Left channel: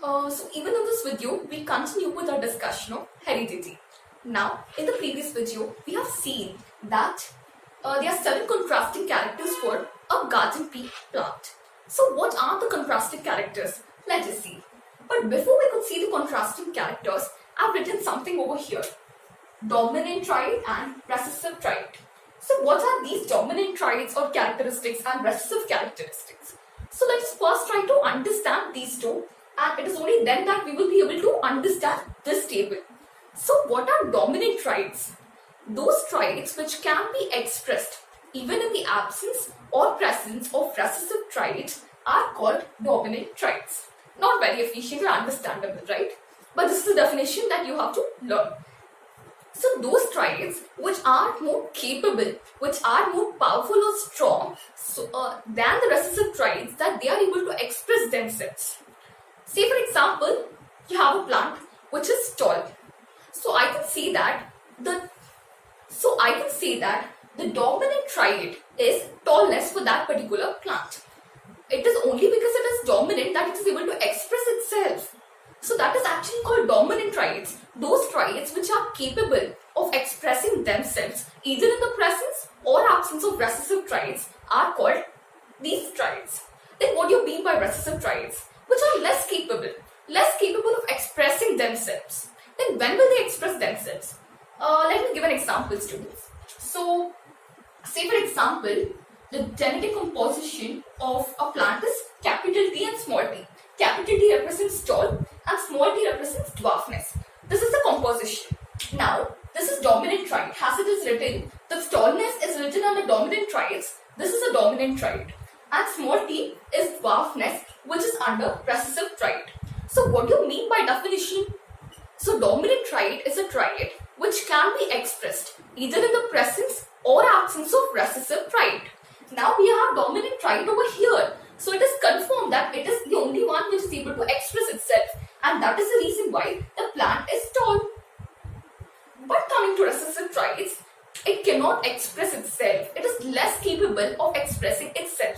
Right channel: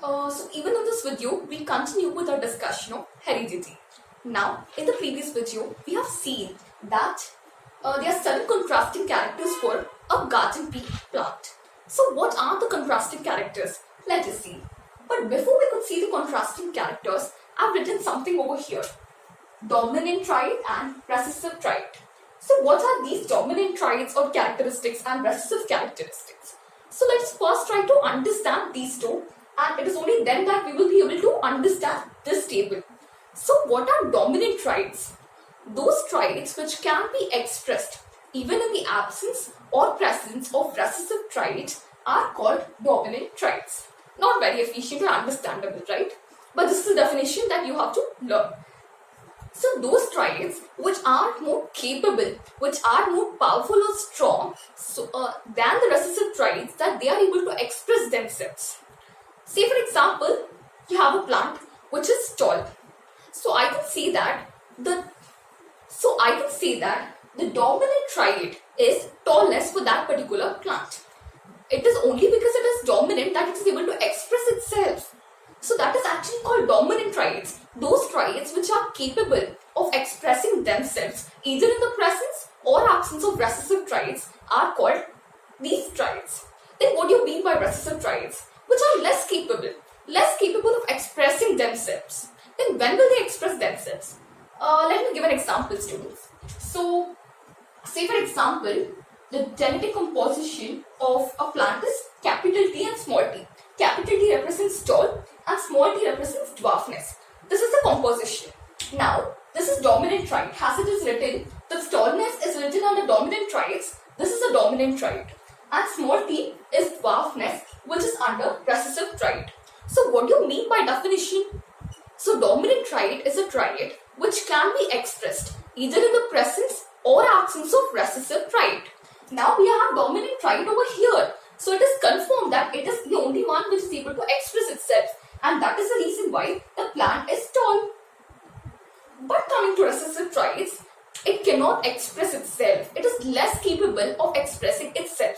So even in this video, we continue with our discussion of heredity. Now, in the previous video, we have seen that there are 7 contrasting characters for a garden pea plant. So what are the contrasting characters? Let us see. But before we could see the contrasting characters, I've written something over here. Dominant trait and recessive trait. So what are these dominant traits or characteristics and recessive characteristics? So let's first try to understand these two, and it is only then that we will be able to understand this table. So what are dominant traits? Those traits which can be expressed even in the absence or presence of recessive traits are called dominant traits. Not very efficient or understandable, right? But this is the definition that you have to learn. So those traits which are more capable, which are more powerful or strong than the recessive traits, that they are able to express themselves. Say for example, you have a plant which is tall. So I can say that the dominant trait is tallness for that particular plant. It is only because it is dominant that it is able to express itself. So that is actually called dominant traits. Those traits which are capable of expressing themselves either in the presence or absence of recessive traits are called these traits. Then what do you mean by recessive traits? Which are less capable of expressing themselves. Then when will they express themselves? Let me give an example, students. So, say for example, the genetic composition of a plant is capital T and small t. Capital T represents tall and small t represents dwarfness. This is the composition. Now, this is dominant trait. As it is written, the tallness is written under dominant traits. This is a dominant trait. And small t is dwarfness, which is under recessive trait. So, what do you mean by definition? So, dominant trait is a trait which can be expressed either in the presence or absence of recessive trait. Now, we have dominant trait over here. So, it is confirmed that it is the only one which is able to express itself, and that is the reason why the plant is tall. But coming to recessive traits, it cannot express itself. It is less capable of expressing itself.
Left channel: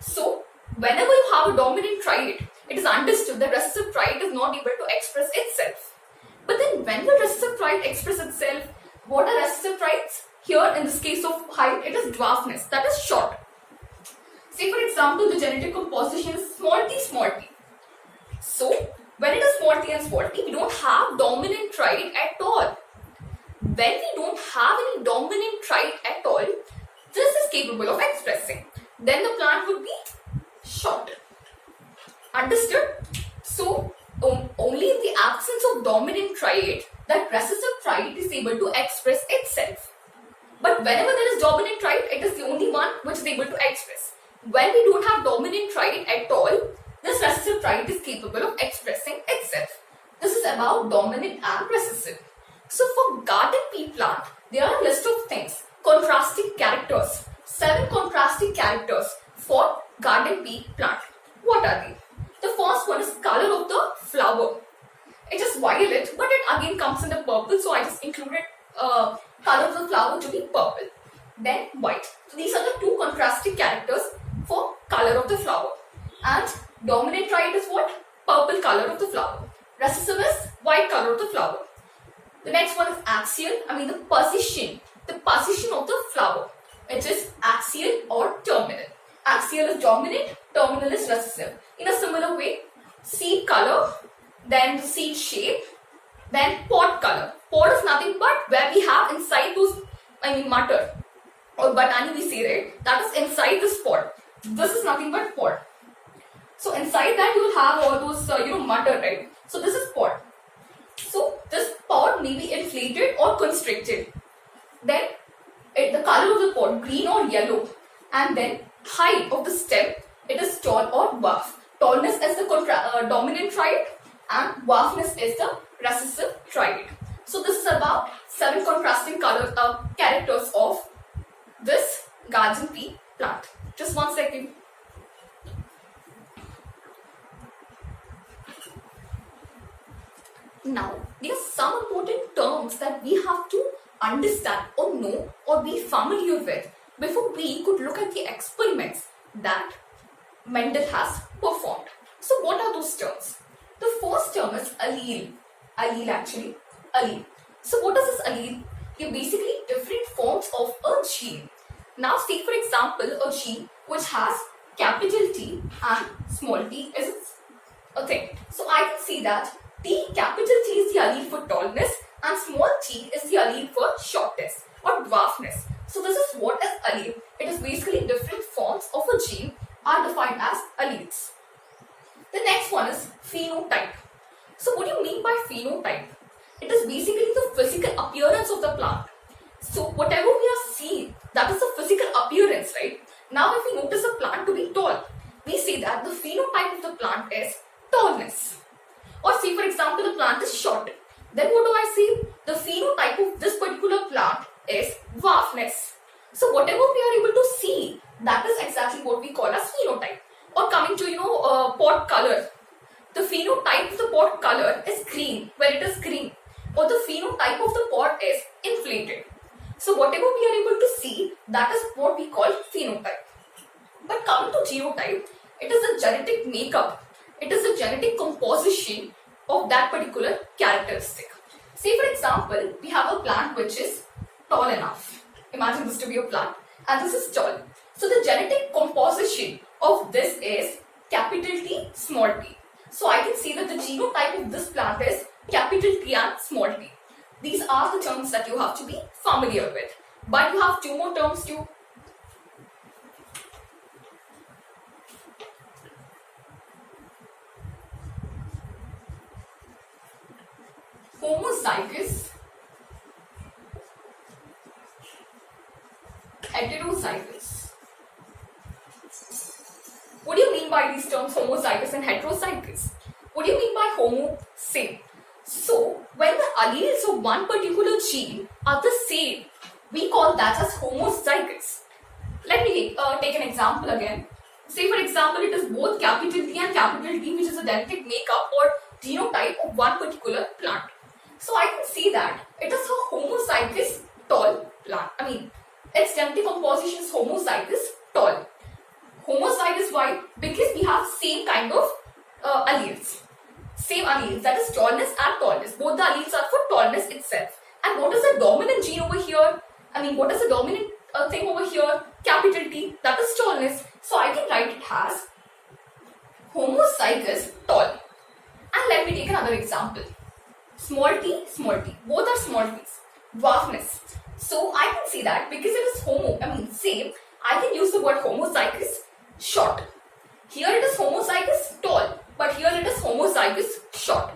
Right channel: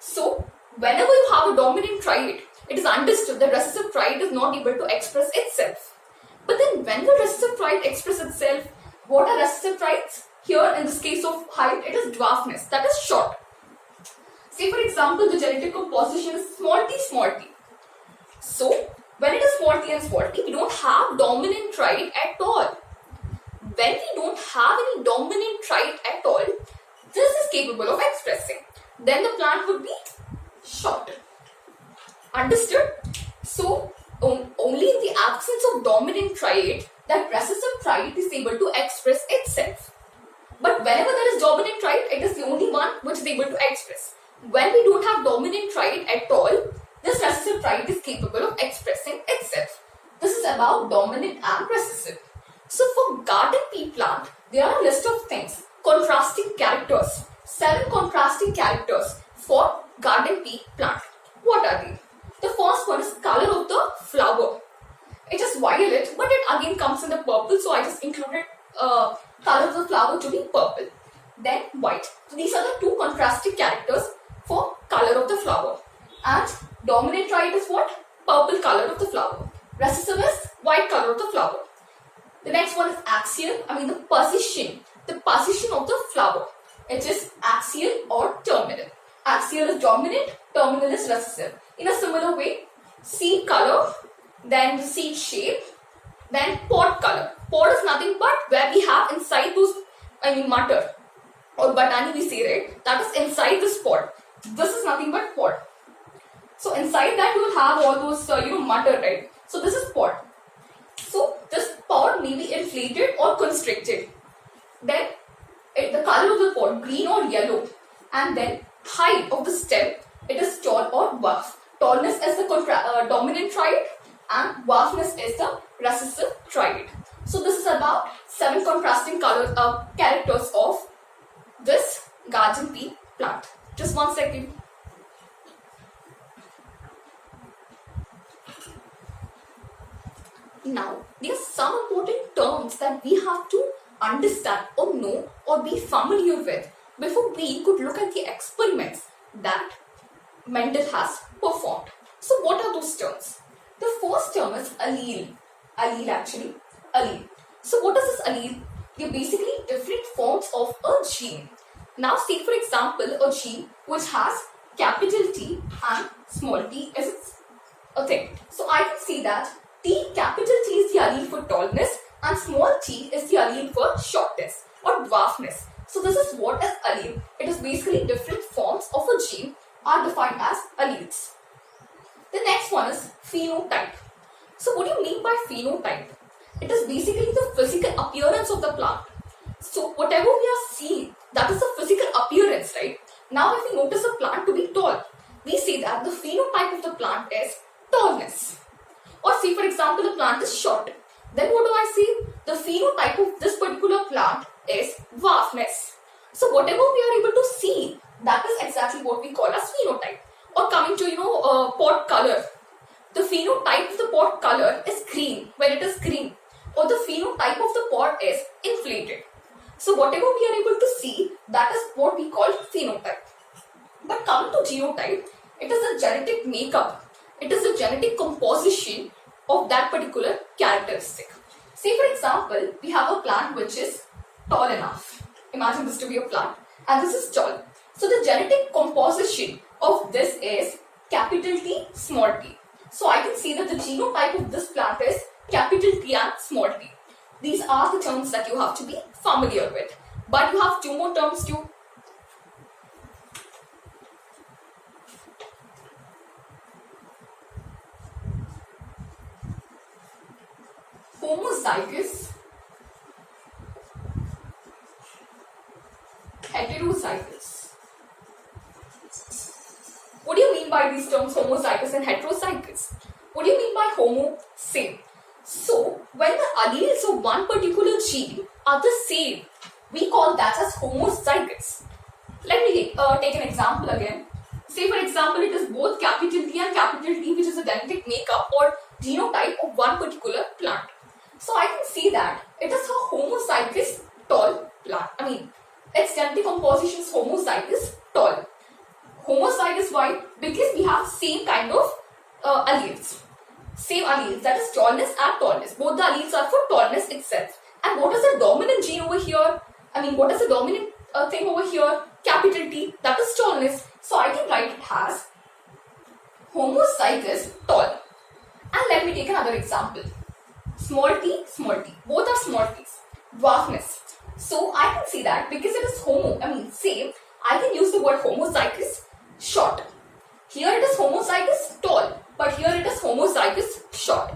So, whenever you have a dominant trait, it is understood that recessive trait is not able to express itself. But then when will recessive trait express itself? What are recessive traits? Here in this case of height, it is dwarfness, that is short. Say for example, the genetic composition is small t, small t. So, when it is small t and small t, we don't have dominant trait at all. When we don't have any dominant trait at all, this is capable of expressing. Then the plant would be short. Understood? So, only in the absence of dominant trait that recessive trait is able to express itself. But whenever there is dominant trait, it is the only one which is able to express. When we don't have dominant trait at all, this recessive trait is capable of expressing itself. This is about dominant and recessive. So for garden pea plant, there are a list of things. Contrasting characters. 7 contrasting characters for garden pea plant. What are they? The first one is color of the flower. It is violet, but it again comes in the purple, so I just included color of the flower to be purple. Then white. So these are the 2 contrasting characters for color of the flower. And dominant trait is what? Purple color of the flower. Recessive is white color of the flower. The next one is axial, the position. The position of the flower. It is axial or terminal. Axial is dominant, terminal is recessive. In a similar way, seed color, then seed shape, then pod color. Pod is nothing but where we have inside those, matter or batani we say, right? That is inside this pod. This is nothing but pod. So inside that you will have all those, matter, right? So this is pod. So this pod may be inflated or constricted. Then the color of the pod, green or yellow. And then height of the stem, it is tall or dwarf. Tallness is the dominant trait and dwarfness is the recessive trait. So this is about 7 contrasting characters of this garden pea plant. Just 1 second. Now, there are some important terms that we have to understand or know or be familiar with before we could look at the experiments that Mendel has performed. So what are those terms? The first term is allele. Allele actually. Allele. So what is this allele? They're basically different forms of a gene. Now take for example a gene which has capital T and small t is a thing. So I can see that capital T is the allele for tallness and small t is the allele for shortness or dwarfness. So this is what is allele. It is basically different forms of a gene are defined as alleles. The next one is phenotype. So what do you mean by phenotype? It is basically the physical appearance of the plant. So whatever we are seeing, that is the physical appearance, right? Now if we notice a plant to be tall, we say that the phenotype of the plant is tallness. Or say for example the plant is short. Then what do I say? The phenotype of this particular plant is dwarfness. So whatever we are able to see, that is exactly what we call as phenotype. Or coming to pot color. The phenotype of the pot color is green when it is green. Or the phenotype of the pot is inflated. So whatever we are able to see, that is what we call phenotype. But coming to genotype, it is the genetic makeup. It is the genetic composition of that particular characteristic. Say for example, we have a plant which is tall enough. Imagine this to be a plant and this is tall. So the genetic composition of this is capital T, small t. So I can see that the genotype of this plant is capital T and small t. These are the terms that you have to be familiar with. But you have two more terms too. Homozygous, heterozygous. What do you mean by these terms homozygous and heterozygous? What do you mean by homo? Same. So when the alleles of one particular gene are the same, we call that as homozygous. Let me take an example again. Say for example it is both capital T and capital T, which is a genetic makeup or genotype of one particular plant. So I can see that it is a homozygous tall plant. I mean, its genetic composition is homozygous tall. Homozygous why? Because we have same kind of alleles. Same alleles, that is tallness and tallness. Both the alleles are for tallness itself. And what is the dominant gene over here? I mean, what is the dominant thing over here? Capital T, that is tallness. So I can write it as homozygous tall. And let me take another example. Small t, both are small t's. Dwarfness. So I can see that because it is same, I can use the word homozygous short. Here it is homozygous tall, but here it is homozygous short.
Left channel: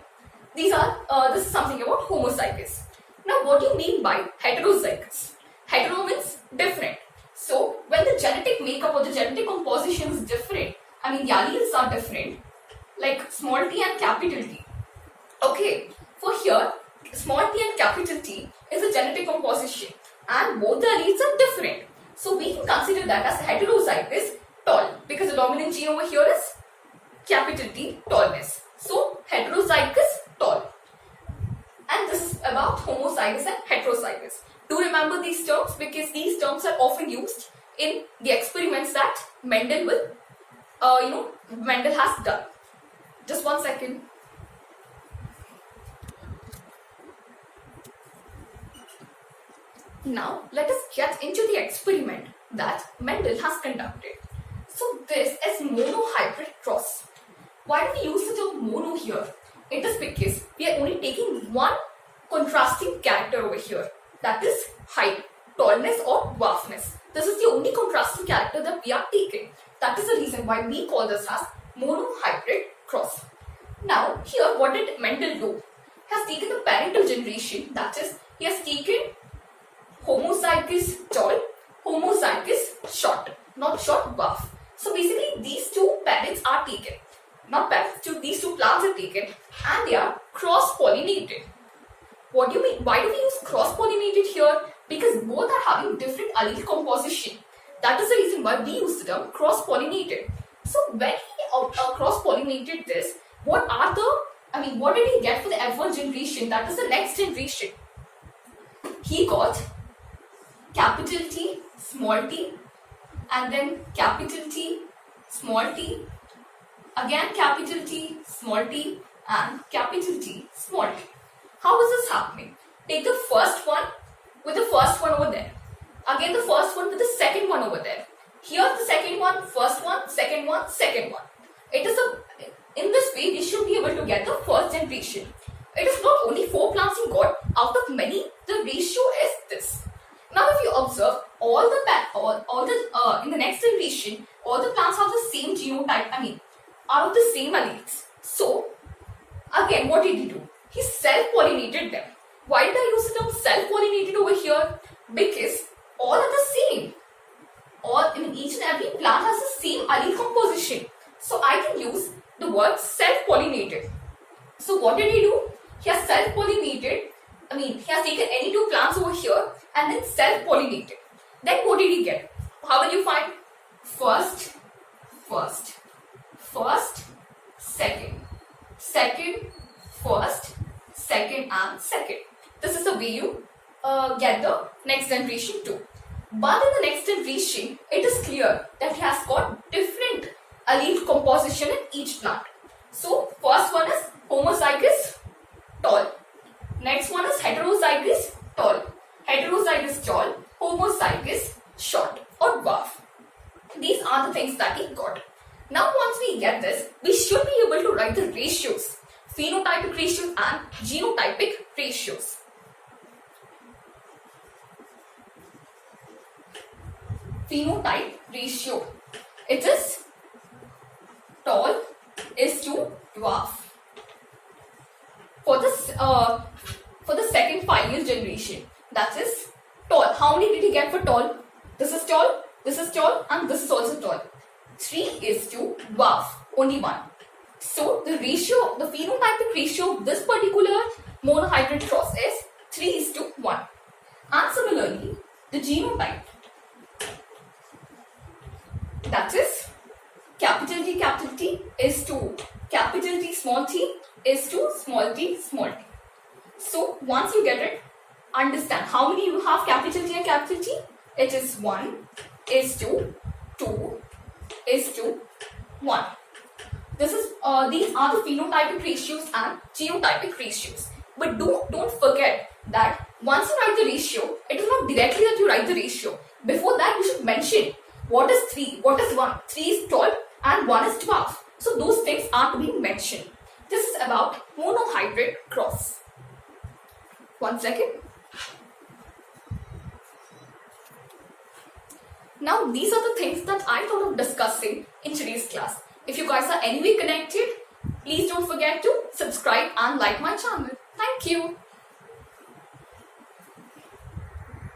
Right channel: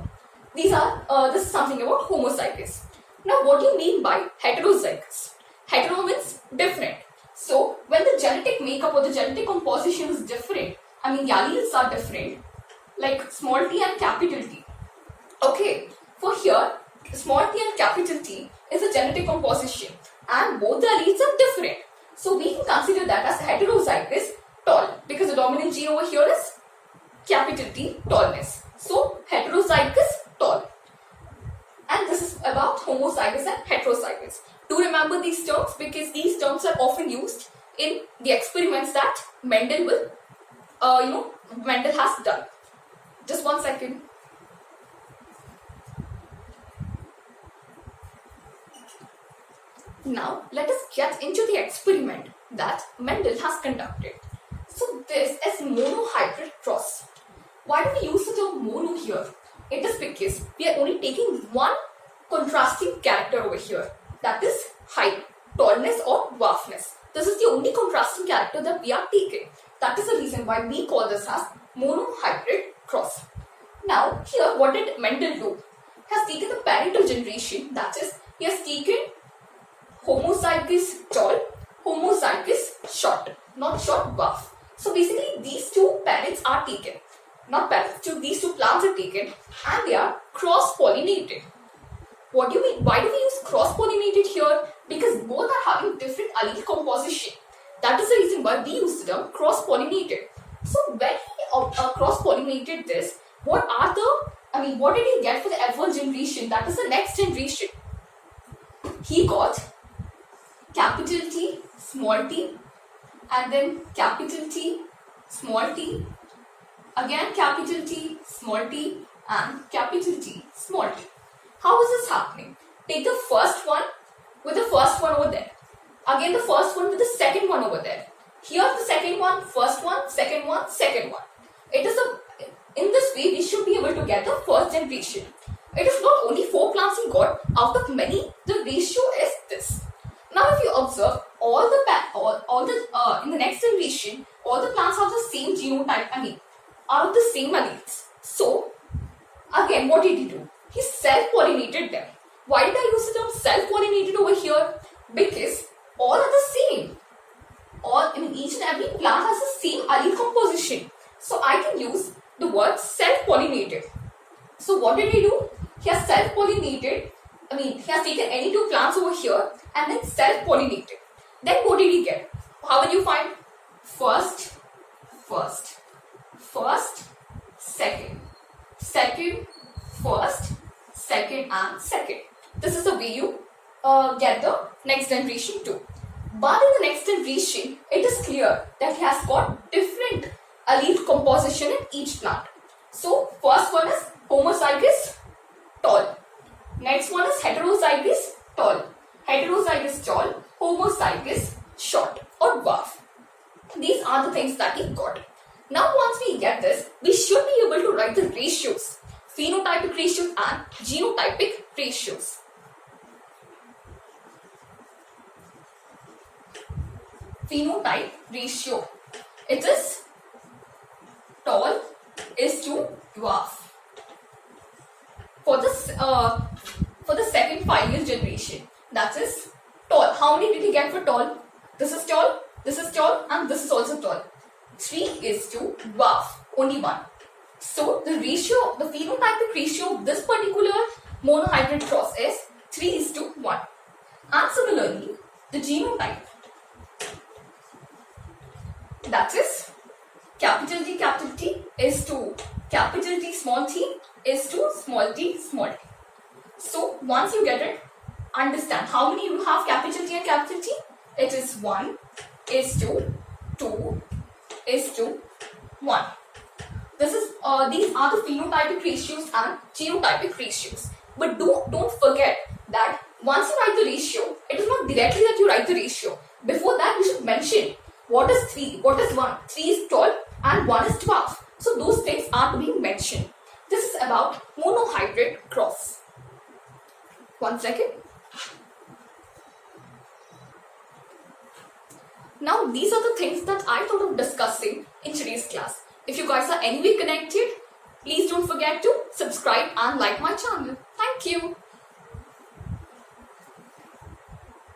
This is something about homozygous. Now what do you mean by heterozygous? Hetero means different. So when the genetic makeup or the genetic composition is different, the alleles are different, like small t and capital T. Okay, for here, small t and capital T is a genetic composition and both the alleles are different. So we can consider that as heterozygous tall because the dominant gene over here is capital T, tallness. So heterozygous tall. And this is about homozygous and heterozygous. Do remember these terms because these terms are often used in the experiments that Mendel has done. Just one second. Now let us get into the experiment that Mendel has conducted. So this is monohybrid cross. Why do we use the term mono here? It is because we are only taking one contrasting character over here, that is height, tallness or dwarfness. This is the only contrasting character that we are taking. That is the reason why we call this as monohybrid cross. Now here what did Mendel do? He has taken the parental generation, that is he has taken homozygous tall, homozygous short, not short, dwarf. So basically these two parents are taken, not parents, these two plants are taken and they are cross-pollinated. What do you mean? Why do we use cross-pollinated here? Because both are having different allele composition. That is the reason why we use the term cross-pollinated. So when he cross-pollinated this, what did he get for the F1 generation? That is the next generation. He got capital T, small t, and then capital T, small t, again capital T, small t, and capital T, small t. How is this happening? Take the first one with the first one over there. Again the first one with the second one over there. Here the second one, first one, second one, second one. It is in this way we should be able to get the first generation. It is not only 4 plants you got, out of many, the ratio is this. Now if you observe in the next generation, all the plants have the same genotype, are of the same alleles. So again, what did he do? He self-pollinated them. Why did I use the term self-pollinated over here? Because all are the same. Each and every plant has the same allele composition. So I can use the word self-pollinated. So what did he do? He has self-pollinated. He has taken any 2 plants over here and then self-pollinated. Then what did he get? How will you find? First, second, first, second and second. This is the way you get the next generation too. But in the next generation, it is clear that he has got different allele composition in each plant. So first one is homozygous, tall. Next one is heterozygous, tall. Heterozygous, tall. Homozygous, short or dwarf. These are the things that he got. Now once we get this, we should be able to write the ratios, phenotypic ratios and genotypic ratios. Phenotype ratio. It is tall is to dwarf. For the second final generation, that is tall. How many did he get for tall? This is tall, and this is also tall. 3 is to dwarf, only 1. So the ratio, the phenotypic ratio of this particular monohybrid cross is 3 is to 1. And similarly, the genotype, that is capital T is to capital T small t is to small t small t. So once you get it, understand how many you have capital T and capital T. It is 1 is to 2 is to 1. This is these are the phenotypic ratios and genotypic ratios. But don't forget that once you write the ratio, it is not directly that you write the ratio. Before that, you should mention what is 3, what is 1. 3 is tall and 1 is dwarf. So those things are to be mentioned. This is about monohybrid cross. 1 second. Now these are the things that I thought of discussing in today's class. If you guys are anyway connected, please don't forget to subscribe and like my channel. Thank you.